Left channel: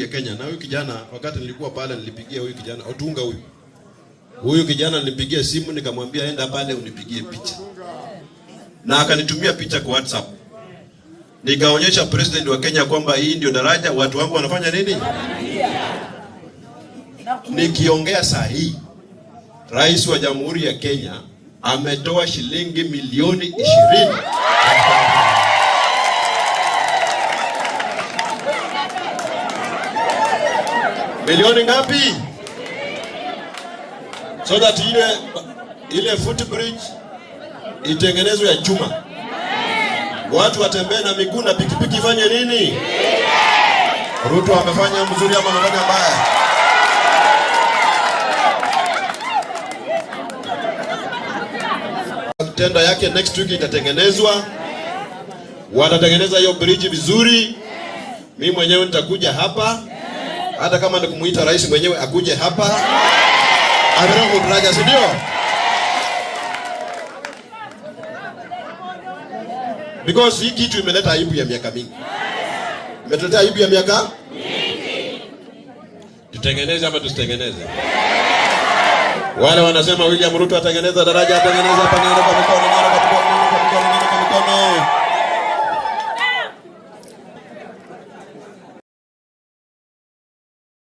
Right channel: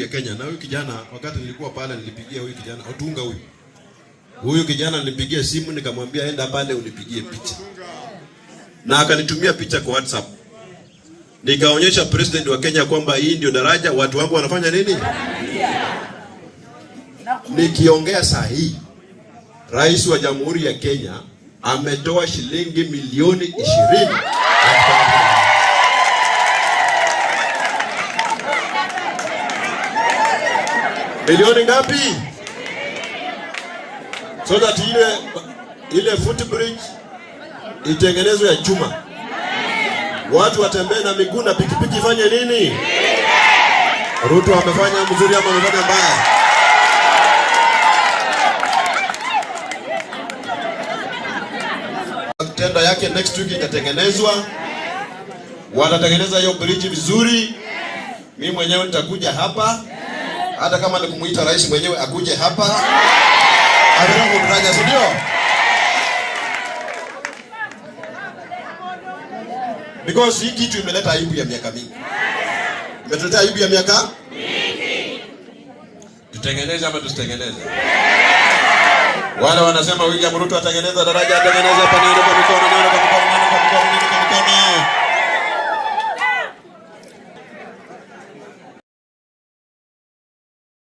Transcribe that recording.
ya Kenya. Na huyu kijana wakati nilikuwa pale nilipigia huyu kijana Otunga huyu kijana nilipigia simu nikamwambia enda pale unipigie picha. Na akanitumia picha kwa WhatsApp. Nikaonyesha president wa Kenya kwamba hii ndio daraja watu wangu wanafanya nini? Nikiongea saa hii Rais wa Jamhuri ya Kenya ametoa shilingi milioni 20. Milioni ngapi? So that ile footbridge itengenezwe ya chuma. Watu watembee na miguu na pikipiki fanye nini? Ruto amefanya mzuri ama amefanya mbaya? Tenda yake next week itatengenezwa. Watatengeneza hiyo bridge vizuri. Mimi mwenyewe nitakuja hapa. Hata kama nikumuita rais mwenyewe akuje hapa. Aroho daraja sio? Because hii kitu imeleta aibu ya miaka mingi. Imetuleta aibu ya miaka mingi. Tutengeneze ama tusitengeneze? Wale wanasema William Ruto atengeneza daraja, atengeneza panelo kwa mikono.